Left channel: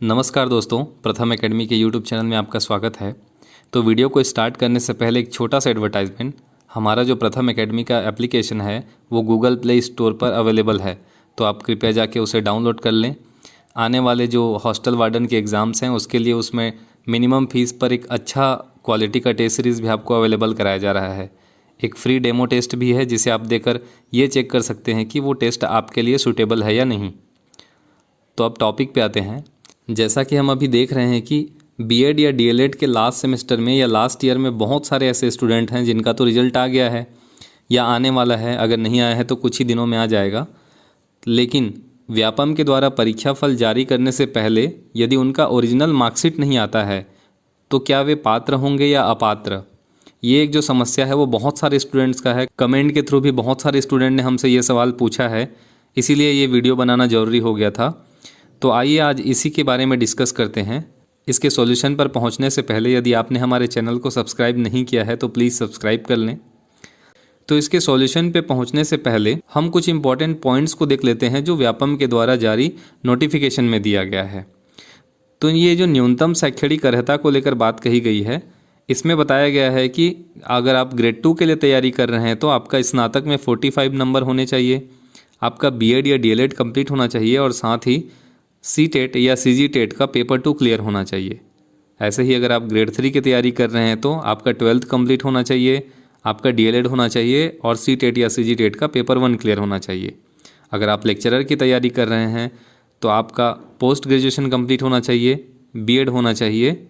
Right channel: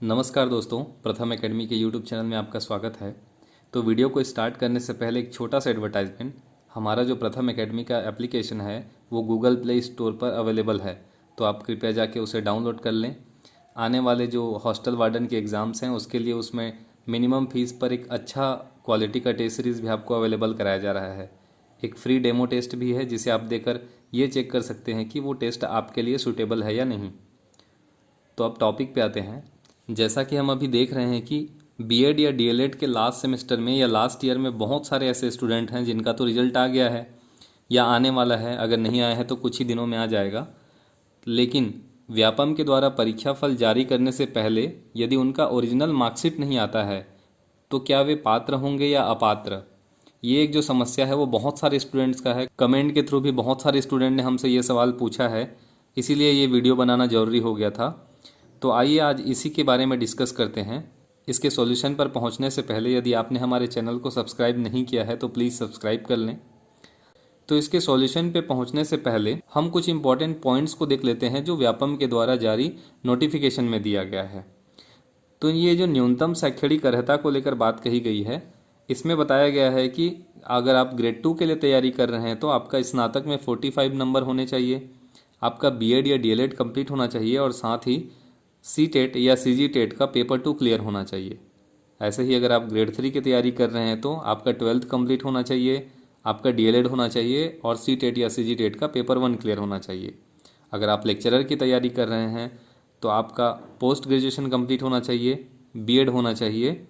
नमस्कार दोस्तों, प्रथम एकेडमी के यूट्यूब चैनल में आपका स्वागत है। तो वीडियो को स्टार्ट करने से पहले एक छोटा सा एडवर्टाइजमेंट। हमारा जो प्रथम एकेडमी का एप्लीकेशन है वो गूगल प्ले स्टोर पर अवेलेबल है, तो आप कृपया जाके उसे डाउनलोड कर लें। आने वाले जो हॉस्टल वार्डन के एग्ज़ाम्स हैं उसके लिए उसमें मिनिमम फ़ीस पर एक अच्छा क्वालिटी का टेस्ट सीरीज़ भी आपको अवेलेबल कराया जा रहा है। एक फ्री डेमो टेस्ट भी है जिसे आप देकर ये चेक कर सकते हैं कि वो टेस्ट आपके लिए सूटेबल है या नहीं। तो अब टॉपिक पे आते हैं। जैसा कि हम अभी देख रहे हैं कि बीएड या डीएलएड के लास्ट सेमेस्टर में या लास्ट ईयर में बहुत सारे ऐसे स्टूडेंट हैं जिनका तो रिजल्ट आ गया है या आने वाला है, अगर नहीं आया है तो कुछ ही दिनों में आ जाएगा। लेकिन व्यापम के द्वारा परीक्षा फल जारी करने से पहले यदि उनका ओरिजिनल मार्कशीट नहीं आता है तो क्या वे पात्र होंगे या अपात्र, ये एक जो समस्या है वो बहुत सारे स्टूडेंट्स का है। कमेंट के थ्रू भी बहुत सारे स्टूडेंट ने हमसे ये सवाल पूछा है, इसीलिए ये वीडियो बनाना ज़रूरी हो गया था। तो आइए आज इसी के बारे में डिस्कस करते हैं। इसके सॉल्यूशन पर पहुंचने से पहले यदि आपने हमारे चैनल को सब्सक्राइब नहीं किया है तो प्लीज़ सब्सक्राइब कर लें। तो इसके सॉल्यूशन पे पहुंचने से पहले हम कुछ इंपॉर्टेंट पॉइंट्स को देख लेते हैं जो व्यापम के द्वारा जारी नोटिफिकेशन में दिया गया है। तो ये जो न्यूनतम शैक्षणिक अर्हता को लेकर बात कही गई है, इसमें बताया गया है कि अगर आप ग्रेड 2 के लिए तैयारी कर रहे हैं तो आपका स्नातक में 45 नंबर होने चाहिए, आपका बीएड या डीएलएड कंप्लीट होना चाहिए और साथ ही सीटेट या सीजीटेट का पेपर 2 क्लियर होना चाहिए। ऐसे ही अगर आप ग्रेड 3 की तैयारी कर रहे हैं तो आपका 12th कंप्लीट होना चाहिए, आपका डीएलएड होना चाहिए और सीटेट या सीजीटेट का पेपर 1 क्लियर होना चाहिए। अगर आप लेक्चरर की तैयारी कर रहे हैं तो आपका पोस्ट ग्रेजुएशन कंप्लीट होना चाहिए, बीएड होना चाहिए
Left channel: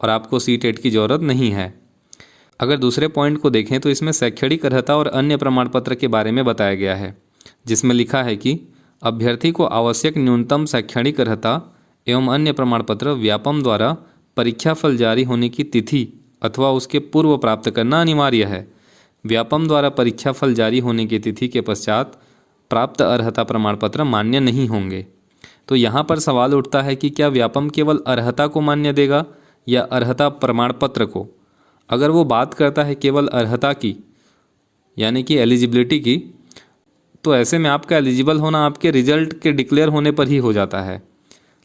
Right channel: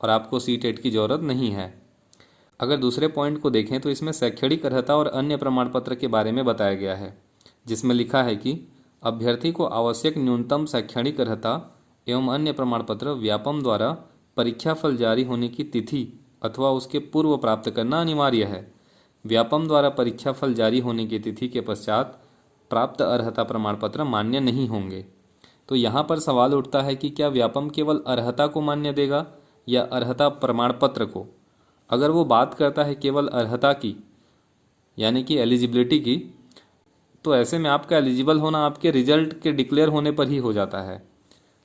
और आपको सीटेट की ज़रूरत नहीं है। अगर दूसरे पॉइंट को देखें तो इसमें शैक्षणिक अर्हता और अन्य प्रमाण पत्र के बारे में बताया गया है, जिसमें लिखा है कि अभ्यर्थी को आवश्यक न्यूनतम शैक्षणिक अर्हता एवं अन्य प्रमाण पत्र व्यापम द्वारा परीक्षा फल जारी होने की तिथि अथवा उसके पूर्व प्राप्त करना अनिवार्य है। व्यापम द्वारा परीक्षा फल जारी होने की तिथि के पश्चात प्राप्त अर्हता प्रमाण पत्र मान्य नहीं होंगे। तो यहाँ पर सवाल उठता है कि क्या व्यापम केवल अर्हता को मान्य देगा या अर्हता प्रमाण पत्र को। अगर वो बात करता है केवल अर्हता की यानी कि एलिजिबिलिटी की, तो ऐसे में आपका एलिजिबल होना आपके रिजल्ट के डिक्लेयर होने पर ही हो जाता है।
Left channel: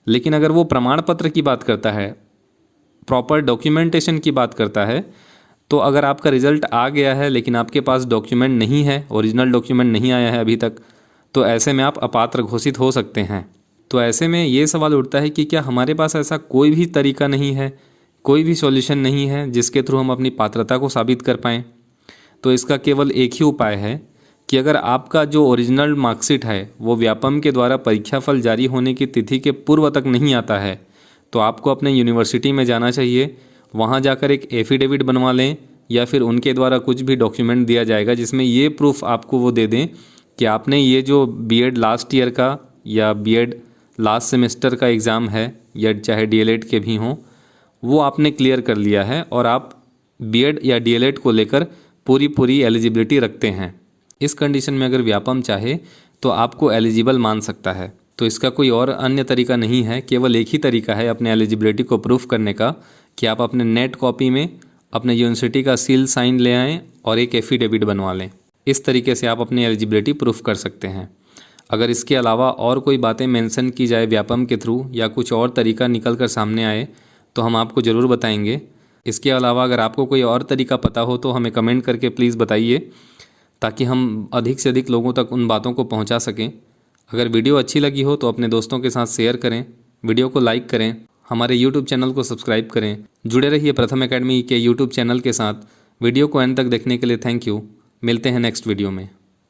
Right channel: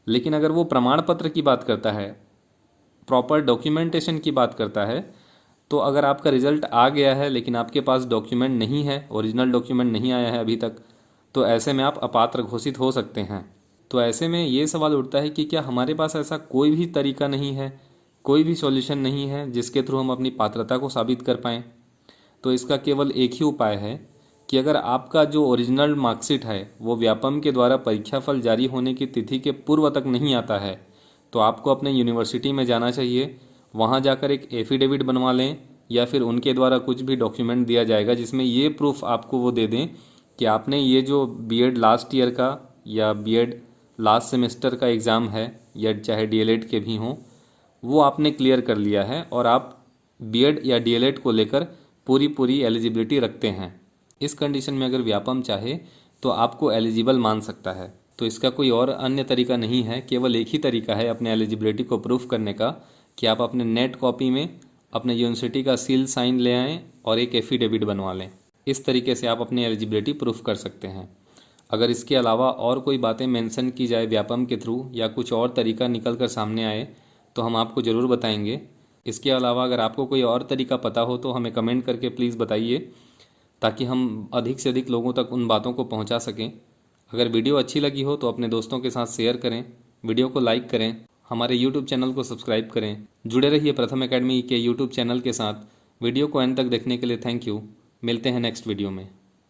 लेकिन अगर वो प्रमाण पत्र की बात करता है, प्रॉपर डॉक्यूमेंटेशन की बात करता है, तो अगर आपका रिजल्ट आ गया है लेकिन आपके पास डॉक्यूमेंट नहीं है, ओरिजिनल डॉक्यूमेंट नहीं आया है अभी तक, तो ऐसे में आप अपात्र घोषित हो सकते हैं। तो ऐसे में ये सवाल उठता है कि क्या हमारे पास ऐसा कोई भी तरीका नहीं है, कोई भी सॉल्यूशन नहीं है जिसके थ्रू हम अपनी पात्रता को साबित कर पाएँ। तो इसका केवल एक ही उपाय है कि अगर आपका जो ओरिजिनल मार्कशीट है वो व्यापम के द्वारा परीक्षा फल जारी होने की तिथि के पूर्व तक नहीं आता है तो आपको अपने यूनिवर्सिटी में जाना चाहिए, वहाँ जाकर एक एफिडेविट बनवा लें या फिर उनके द्वारा कुछ भी डॉक्यूमेंट दिया जाएगा जिसमें ये प्रूफ आपको वो दे दें कि आपने ये जो बीएड लास्ट ईयर का या बीएड लास्ट सेमेस्टर का एग्ज़ाम है या चाहे डीएलएड के भी हों, वो आपने क्लियर कर लिया है और आप बीएड या डीएलएड को लेकर पूरी एलिजिबिलिटी रखते हैं। इस कंडीशन में अगर व्यापम चाहे तो आपको एलिजिबल मान सकता है। तो इसका कोई और अन्य तरीका नहीं है, केवल एक ही तरीका है अपने एलिजिबिलिटी को प्रूफ करने का कि आप अपने नेट कॉपी में अपने यूनिवर्सिटी का सील साइन ले आएँ और एक एफिडेविट बनवा लें। इस तरीके से आप अपनी एलिजिबिलिटी प्रूफ कर सकते हैं। अगर इसके अलावा और कोई बातें मेंशन की जाए व्यापम के थ्रू या कुछ और तरीका निकल कर सामने आए तो हम आपको ज़रूर बताएंगे। इसके अलावा अगर आपको कोई और तरीका पता हो तो हमें कमेंट करके प्लीज़ बताइए ताकि हम अधिक से अधिक लोगों तक उन बातों को पहुंचा सकें। अगर वीडियो अच्छी लगी हो तो अपने दोस्तों के साथ शेयर करें, वीडियो को लाइक करें, हमारे यूट्यूब चैनल को सब्सक्राइब करें। जुड़े रहिए प्रथम एकेडमी के यूट्यूब चैनल के साथ। वीडियो को एंड तक देखने के लिए थैंक यू। मिलते हैं नेक्स्ट वीडियो में।